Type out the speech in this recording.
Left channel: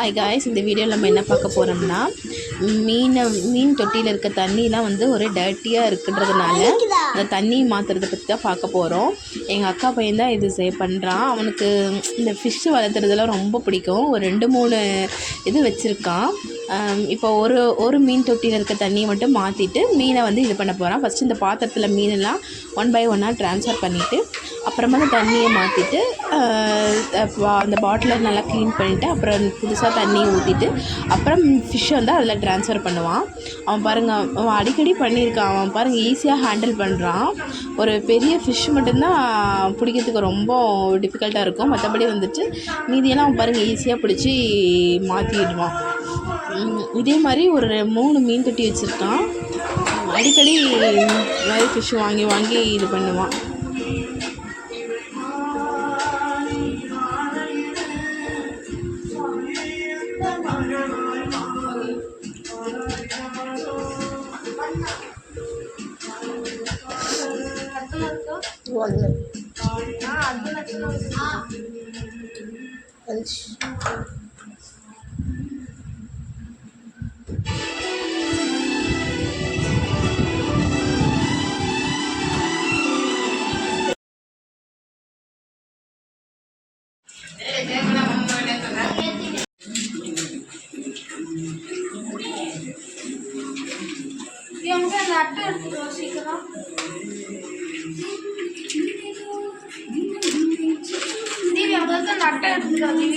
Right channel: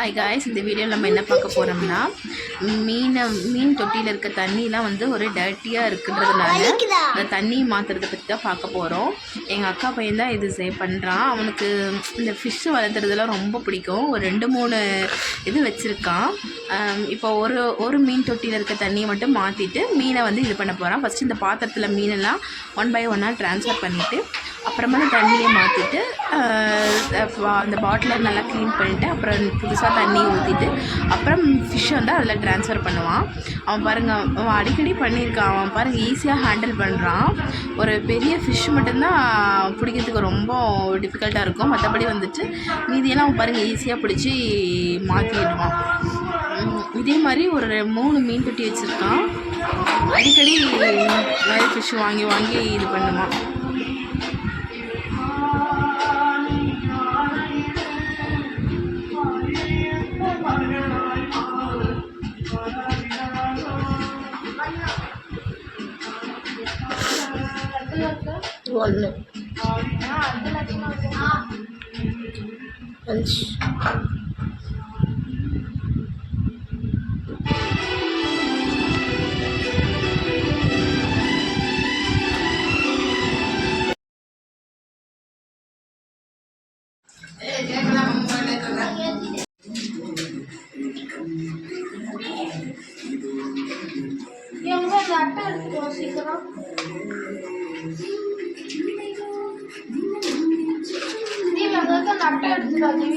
Hi guys, இந்த வீடியோவில் நம்ம என்ன பார்க்க போகிறோம்னா மீன் தொட்டியில் இருக்க தண்ணிலாம் வந்து ஒரு டர்ட்டியாக இருக்குன்றதுனால அந்த தண்ணி மாற்றுறதை பற்றி தான் பார்க்க போகிறோம். எங்கள் அக்கா பையன் தான் இது பண்ணுறான். அவனுக்கு இந்த ஃபிஷ்ஷு வளர்த்துறதுலாம் ரொம்ப பிடிக்கும். ஒரு 2-3 இது வச்சுருக்கான். இப்போ ஒரு மீன் தொட்டியில் இருக்க தண்ணியை மட்டும் மாற்றிட்டு மீனை வந்து இது பண்ண போகிறான். ஃபஸ்ட்டு இந்த பாத்திரத்தில் மீனெல்லாம் 1 by 1 ட்ரான்ஸ்ஃபர் பண்ணிவிட்டு அப்புறமா அந்த தண்ணியை மாற்றிட்டு அந்த பாட்டிலை நல்லா க்ளீன் பண்ணிவிட்டு அப்புறம் புதுசாக தண்ணி ஊற்றிட்டு அப்புறம் ஃபிஷ்ஷை வந்து அதில் ட்ரான்ஸ்ஃபர் பண்ணுவான். அவன் பாருங்கள், அவன் அடிக்கடி பண்ணியிருக்கான். அவன் பாருங்கள் ஈஸியாக ஹேண்டில் பண்ணுறான். ஒரு பெரிய ஃபிஷ் மட்டும்தான் பிடிக்கிறதுக்கு ரொம்ப டிஃபிகல்ட்டாக இருக்கும். மற்றபடி வந்துட்டு மீதியெல்லாம் அவன் பாருங்கள் ஈஸியாக பிடிச்சி மாற்றிடுவான். இதே மாதிரி ஒரு 3 மீன் தொட்டி வச்சுருக்கான். அடிக்கடி நிறைய ஃபிஷ் வாங்கி வாங்கி இது பண்ணுவான். ஒன்று அட்டை எடுத்துக்கிறோம் சீக்கிரம். நீ அந்த அட்டை எடுத்துக்காதீங்க.